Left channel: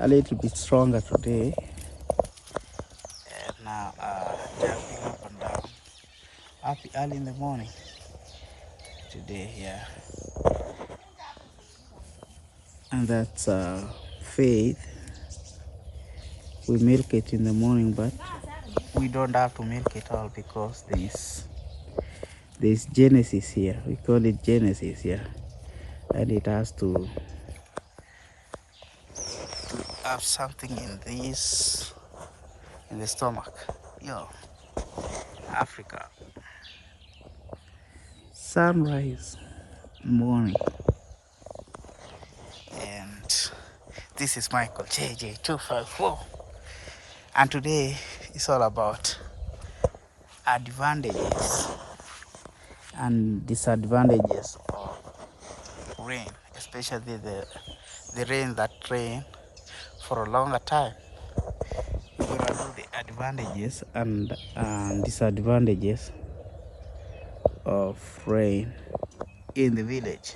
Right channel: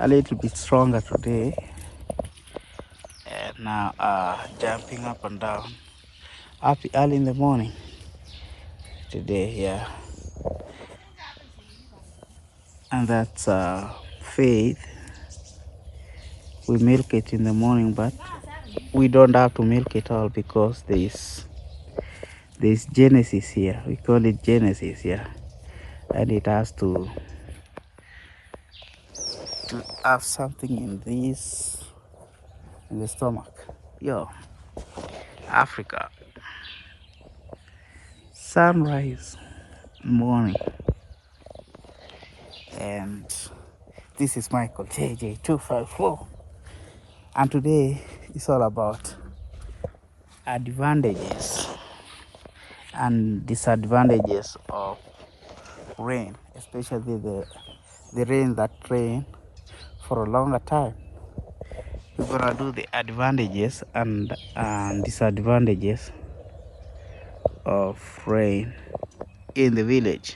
a little bit stronger today, and now jumping up and down happy early in the morning today. Yeah, and that's Faith. We milk it in the morning, but we don't have to milk it all because there's Genesis here. We call it Genesis here, and it has to have something in the stomach. Yo, Africa, sunrise morning, and this is Michael JJ254, and today it's all about advantages and disadvantages of rain, especially the rain that rain for a longer time. We're gonna do the advantages and disadvantages of rain in the village.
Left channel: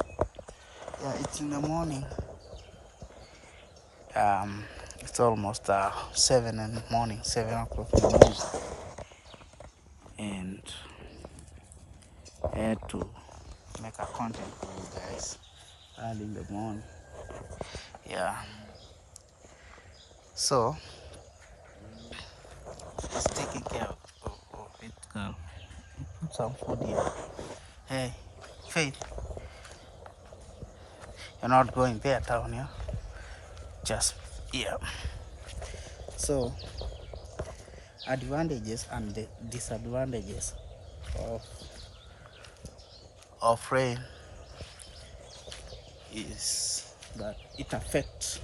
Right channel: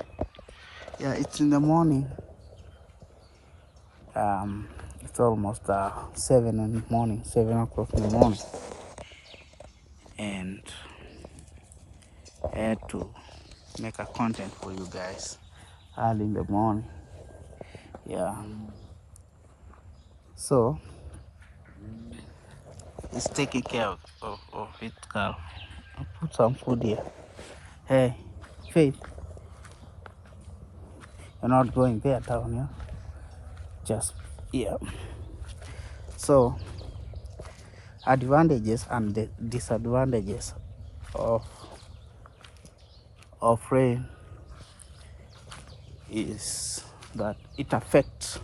Yeah, it's in the morning. It's almost 7 in the morning, 7 o'clock in the morning, and I had to make a content for you guys early in the morning. Yeah, so it's taking care of it, girl. I'll put some food here. Hey, Faith, you're not going there down here. Just yeah. So advantages and the disadvantages of rain is that it affects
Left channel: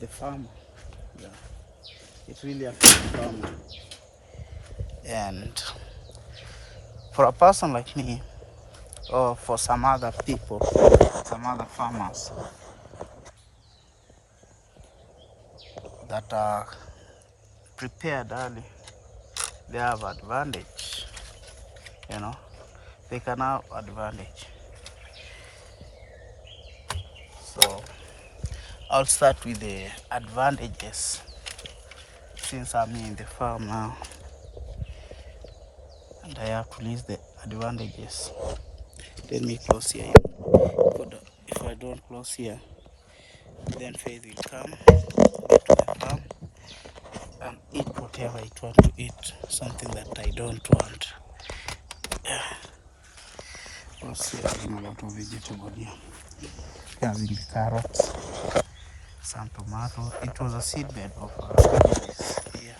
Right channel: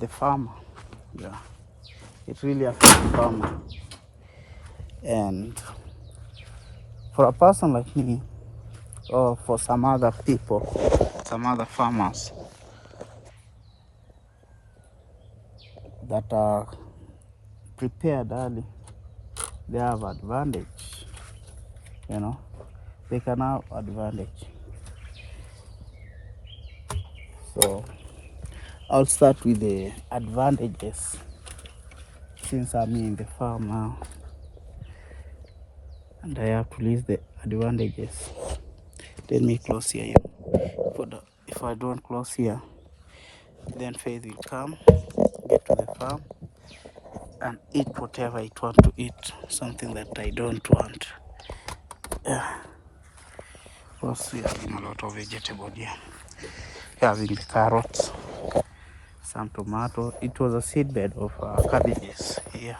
the farmer. Yeah, it really affects the farmer. And for a person like me, or for some other people, some other farmers that are prepared early, they have advantage. You know, they can have advantage. So I'll start with the advantages, since I'm in the farm now and I have to list the advantages. Let me close here. If I don't close here, then Faith will come, get to the farm and eat whatever it wants to eat, something that I don't want. Yeah. Plus we're having a lot of vegetable here. We're having the carrots, some tomato. It was a seed bed of cabbages here,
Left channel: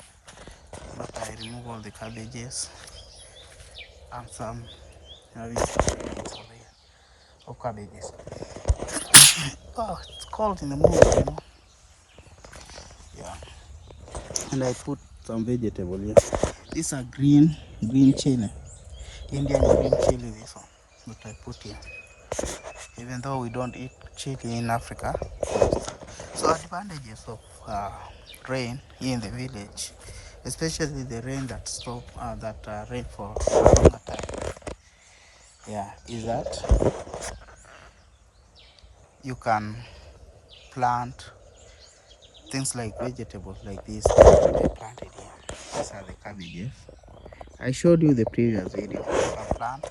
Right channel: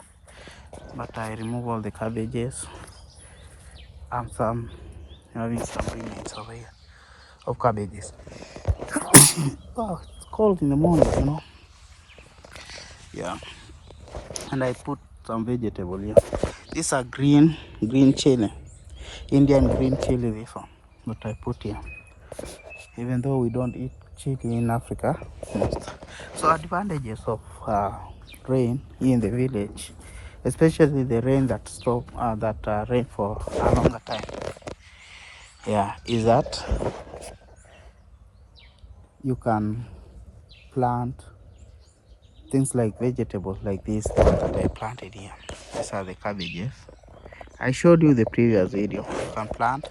but I remove all the cabbages and some remains over here of cabbages. Oh, it's cold in the morning, you know. Yeah, and I put some vegetable here. These are green chili, Indian green chili. This one, but I put here, even though we don't eat chili in Africa. So advantages of rain in the village, especially the rain that rain for a longer time. Yeah, is that you can plant things like vegetables like this that I planted here. These are the cabbages. I showed you the previous video. You can plant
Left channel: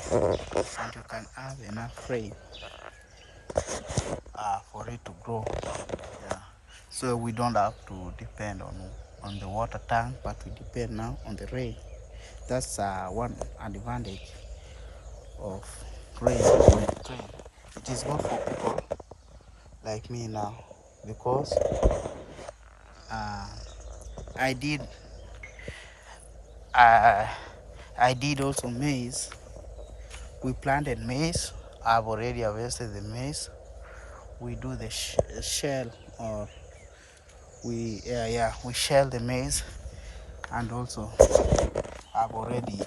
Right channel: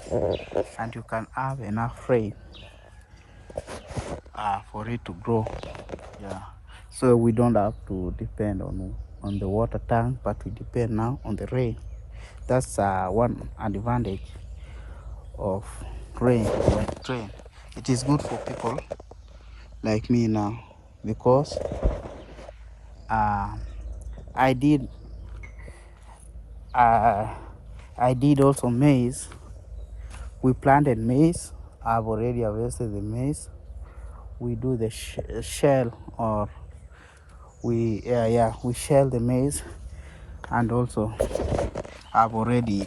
and you can have enough rain for it to grow. Yeah, so we don't have to depend on the water tank, but we depend now on the rain. That's one advantage of rain. It is good for people like me now, because I did also maize. We planted maize. I've already harvested the maize. We do the shell, or we shell the maize, and also I've already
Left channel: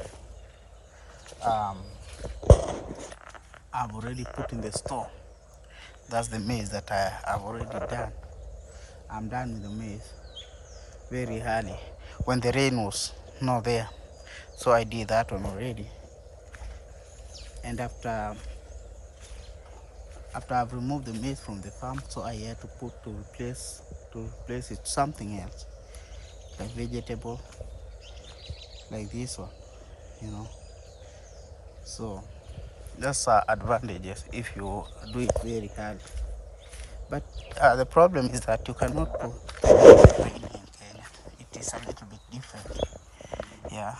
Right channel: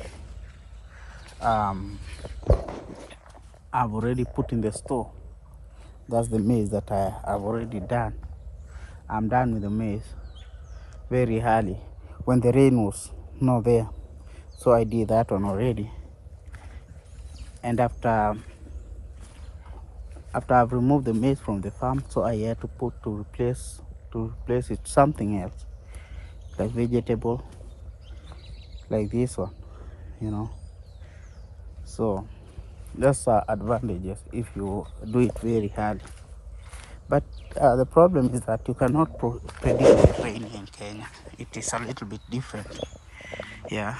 put in the store. That's the maize that I've already done. I'm done with the maize very early when the rain was not there, so I did that one already. And after I've removed the maize from the farm, so I had to replace to replace it something else, like vegetable, like this one, you know. So that's advantages if you do it very hard. But the problem is that you cannot predict the rain in Kenya. It is a little bit different. Yeah,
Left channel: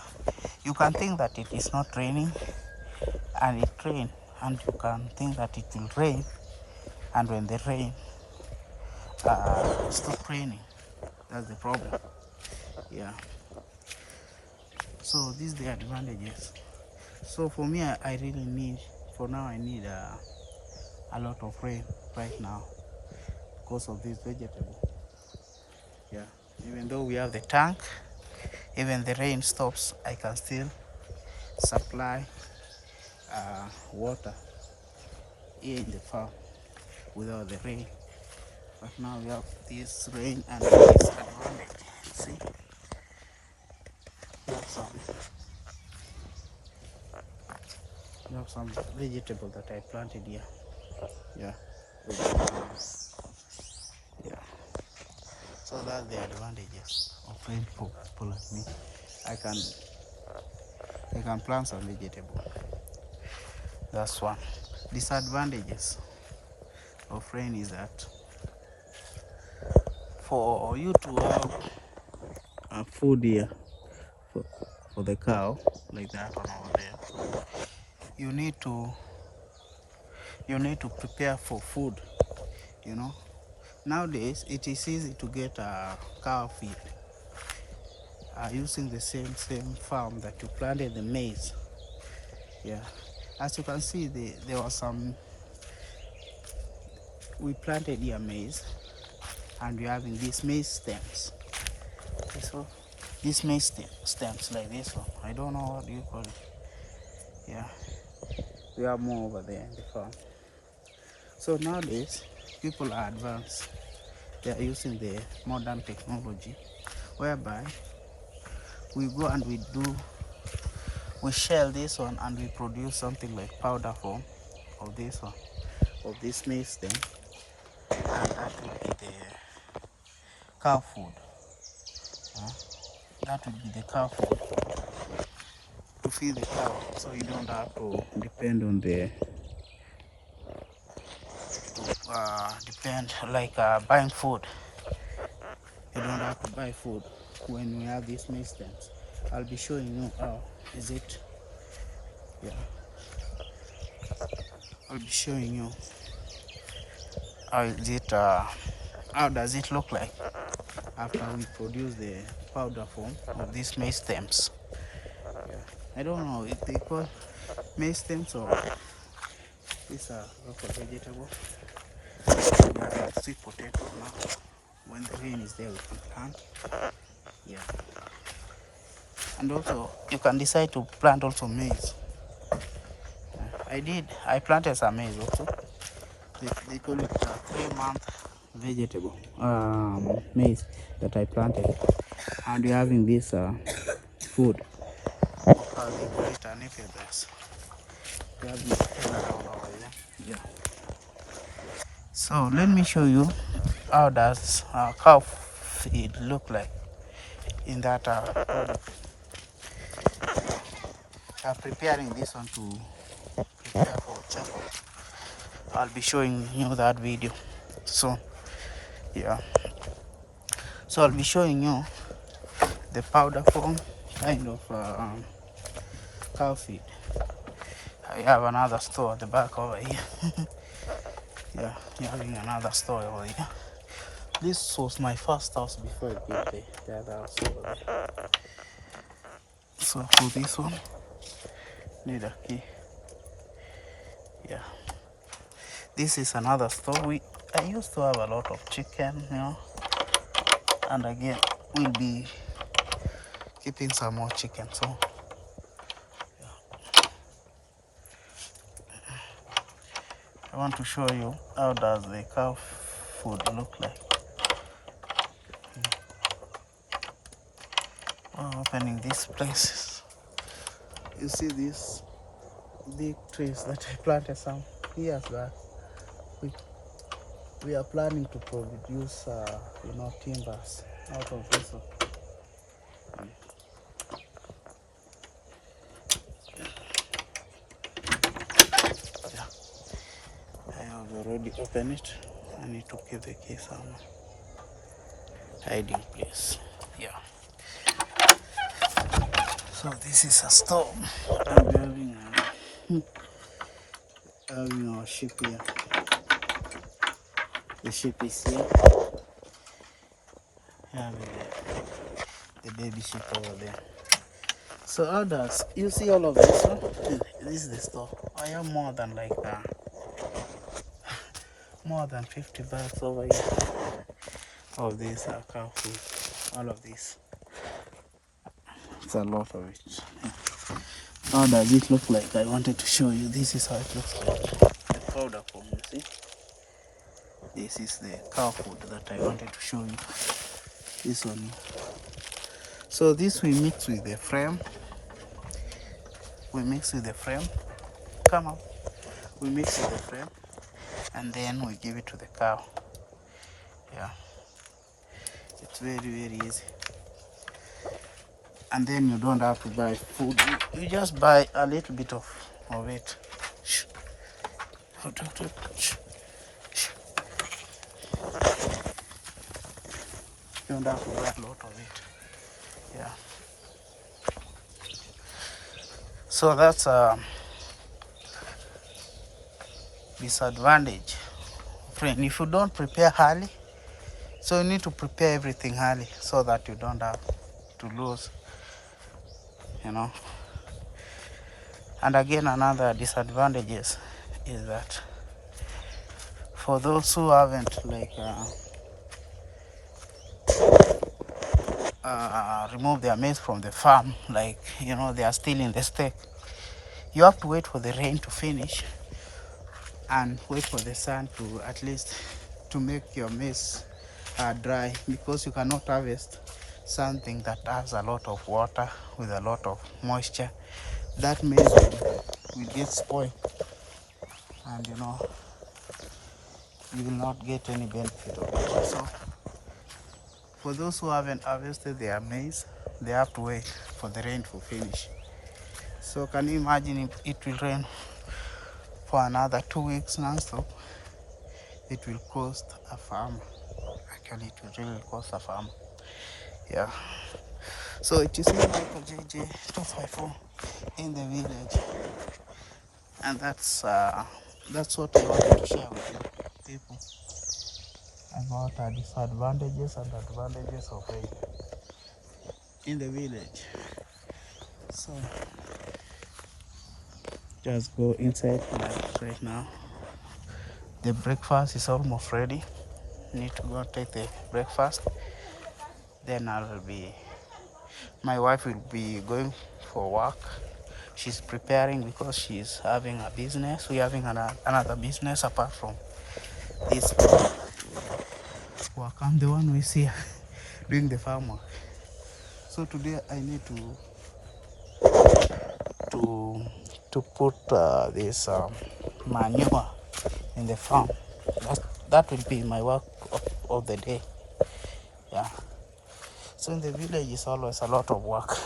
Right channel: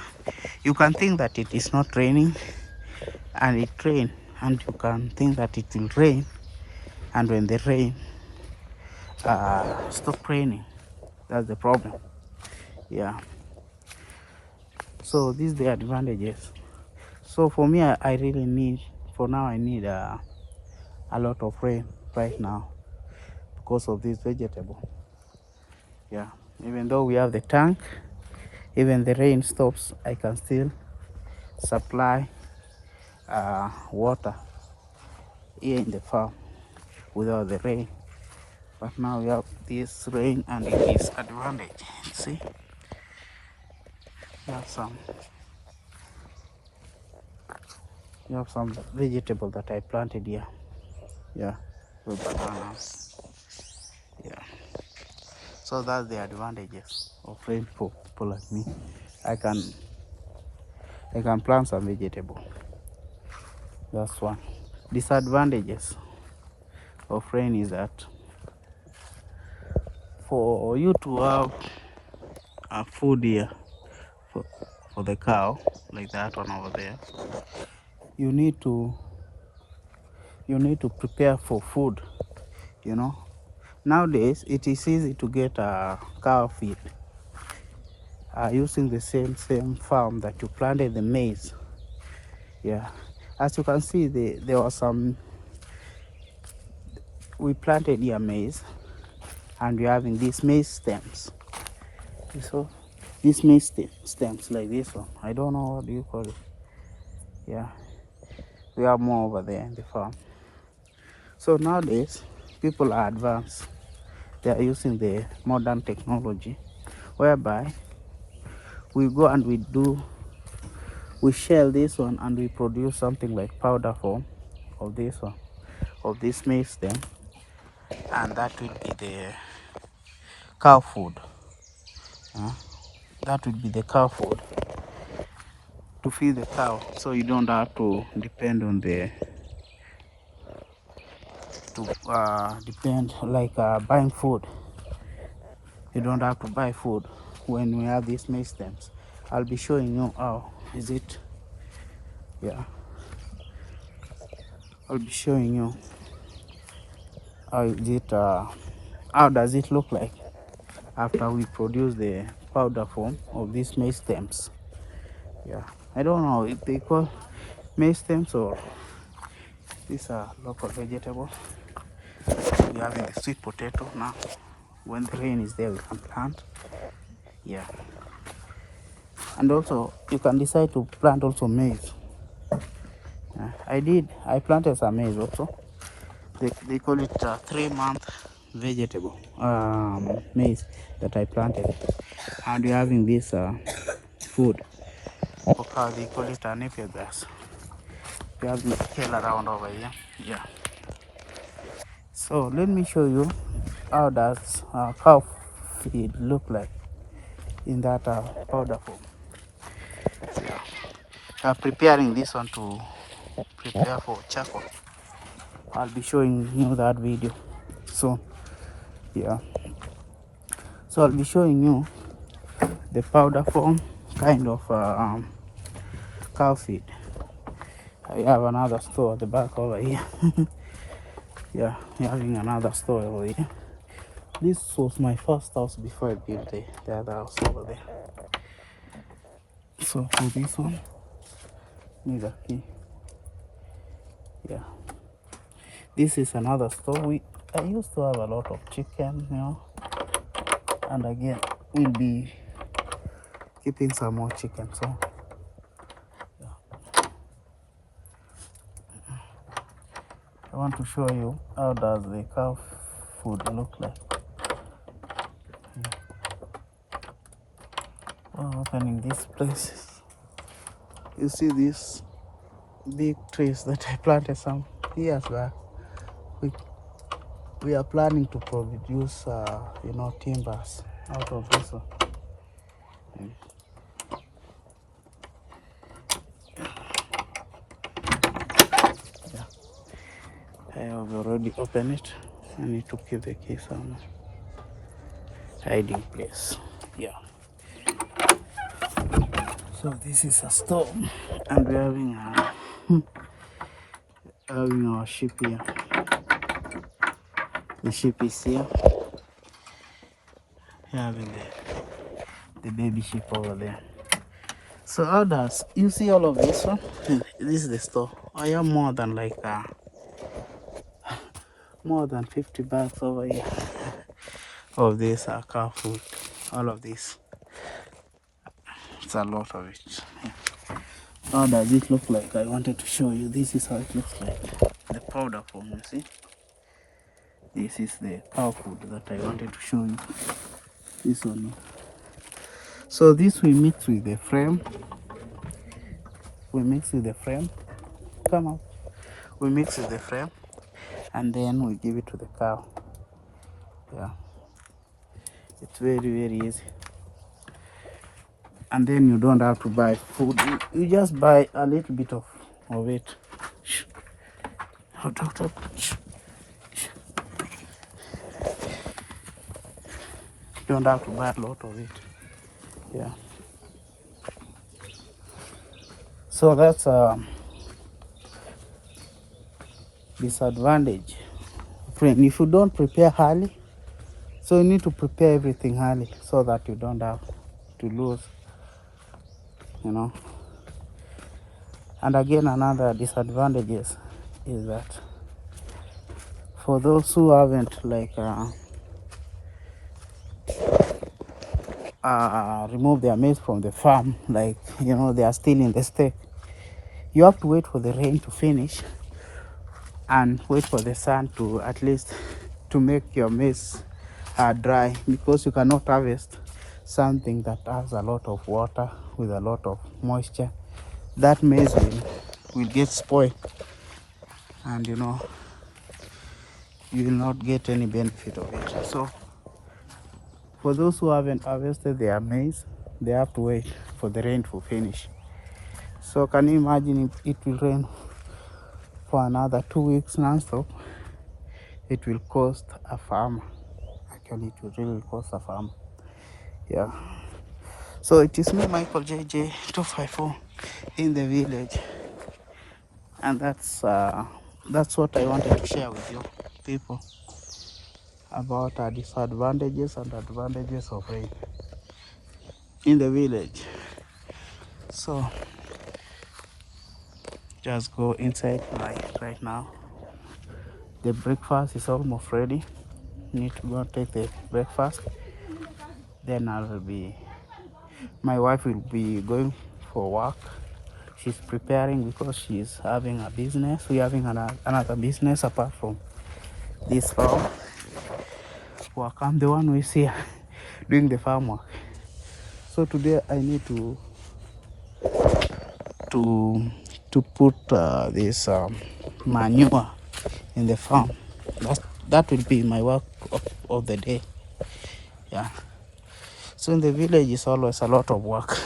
you can think that it is not raining and it rain, and you can think that it will rain, and when the rain stop raining, that's the problem. Yeah, so these are the advantages. So for me, I really need, for now I need a lot of rain right now because of this vegetable. Yeah, even though we have the tank, even the rain stops, I can still supply water here in the farm without the rain. But now we have this rain and it is advantage. See, we have some vegetable that I planted here. Yeah, with bananas. Yeah, so that's the advantages of rain for people like me. I can plant some vegetable. That's one. Disadvantages of rain is that for you to have a food here for the cow, like that one over there, you need to prepare for food, you know. Nowadays it is easy to get a cow feed using the same farm that you planted the maize. Yeah, as you can see, there was some, we planted here maize, and we're having these maize stems. So these maize stems like this one, I don't know what do you call it. Yeah, we have more over there in the farm. So nowadays people are advanced. They are using the modern technology whereby we go and we shell this one and we produce something like powder form of this one, of this maize stem, and that will be the cow food. That would be the cow food to feed the cow, so you don't have to depend on the like buying food. You don't have to buy food when we have these maize stems. I'll be showing you how is it. Yeah, I'll be showing you how is it, how does it look like after we produce the powder form of these maize stems. Yeah, I don't know if they call maize stems or these are local vegetable. We have the sweet potato now. When the rain is there, we can plant. Yeah, and also you can decide to plant also maize. I planted some maize also. They call it 3-month vegetable maize that I planted, and we're having this food of how they call it napier grass. We have this tail around over here. Yeah, so let me show you how does cow feed look like in that powder form. Preparing this one to prepare for charcoal. I'll be showing you that video soon. Yeah, so I'll be showing you the powder form kind of cow feed. I have another store at the back over here. Yeah, having another store over here. This was my first house before I built the other house over there. So for this one, need a key. Yeah, this is another store. I used to have a lot of chicken, you know, and again we'll be keeping some more chicken. So yeah, I want to show you how does the cow food look like. Opening these places, you see these big trees that I planted some years back. we are planning to produce, timbers out of this one. Yeah, I have already opened it. I need to keep the key somewhere. Hiding place. Yeah. So this is a storm, and we're having our ship here. The ship is here. Having the baby ship over there. So how does you see all of this one? This is the store. I have more than more than 50 bags over here of this cow food. All of this. It's a lot of it. Yeah. How does it look like? I wanted to show you. This is how it looks like. The powder form, you see? This is the cow food that I wanted to show you. This one. So this we mix with the frame. Come on. We mix with the frame and then we give it to the cow. Yeah. It's very, very easy. And then you don't have to buy food. You just buy a little bit of it. You don't have to buy a lot of it. Yeah. So that's a disadvantage. Friend, if you don't prepare early, so you need to prepare everything early so that you don't have to lose, And again, another disadvantage is that for those who haven't remove their maize from the farm, they are still in the stake, you have to wait for the rain to finish and wait for the sun to at least to make your maize dry, because you cannot harvest something that has a lot of water with a lot of moisture. That maize will get spoiled, and you will not get any benefit of it. So for those who haven't harvested their maize, they have to wait for the rain to finish. So can you imagine if it will rain for another 2 weeks non-stop? It will cost a farmer. Actually, it will really cost a farmer. Yeah. So it is me, Michael JJ 254 in the village, and that's what I wanted to share with you people about disadvantages and advantages of rain in the village. So just go inside right now. The breakfast is almost ready. Need to go take the breakfast. Then my wife will be going for work. She's preparing because she's having a business. We're having another business apart from this farm work. I'm the one who is here doing the farm work. So today I need to put this manure in the farm. That will be my work of the day. Yeah. So in the village is always a lot of work.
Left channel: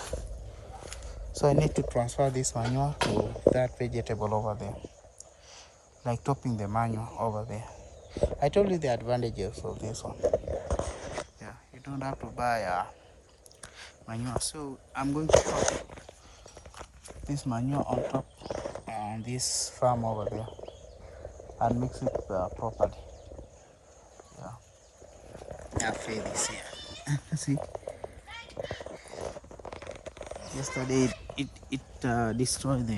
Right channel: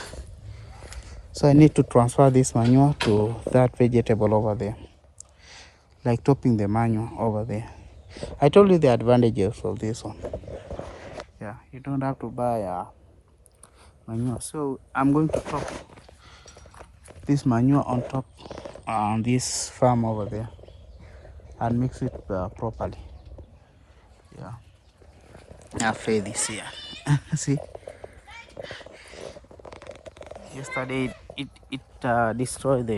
So I need to transfer this manure to that vegetable over there, like topping the manure over there. I told you the advantages of this one. Yeah, you don't have to buy manure. So I'm going to top this manure on top on this farm over there and mix it properly. Yeah, I fed this here. See, yesterday it destroyed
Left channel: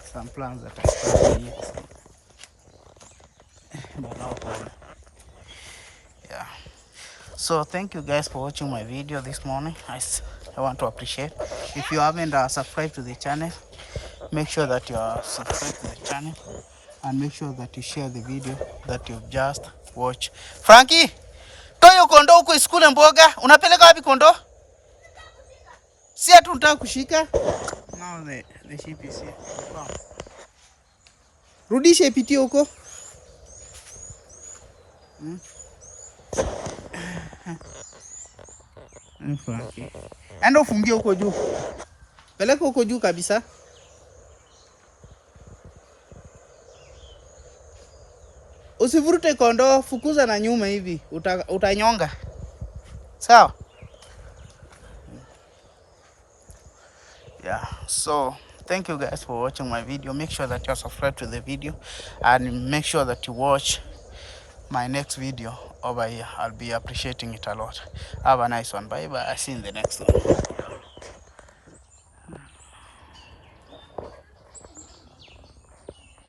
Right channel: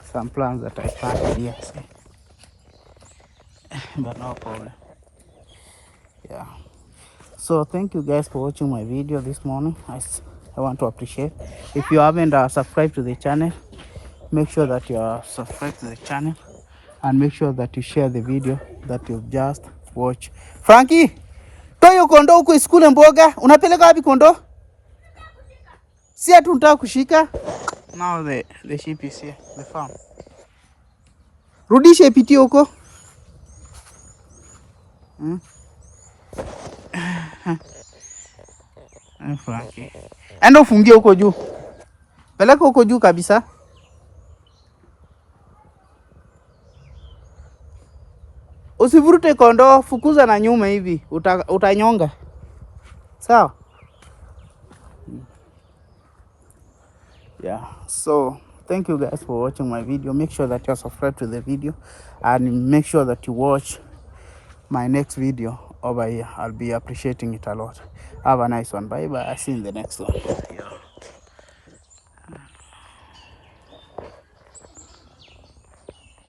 some plants that I planted here. See? But no problem. Yeah. So thank you guys for watching my video this morning. I want to appreciate. If you haven't subscribed to the channel, make sure that you are subscribed to the channel and make sure that you share the video that you've just watched. Frankie, toyo kondo huko iskule mboga. Unapeleka wapi kondo? Si atu unataka kushika. Now the sheep is here, the farm. Rudisha ipitie huko. Frankie. Enda ufungie huko juu. Peleka huko juu kabisa. Usivurute kondoo, fukuza na nyuma hivi. Utanyonga. Sawa? Yeah. So, thank you guys for watching my video. Make sure that you're subscribed to the video and make sure that you watch my next video over here. I'll be appreciating it a lot. Have a nice one. Bye bye. See you in the next one.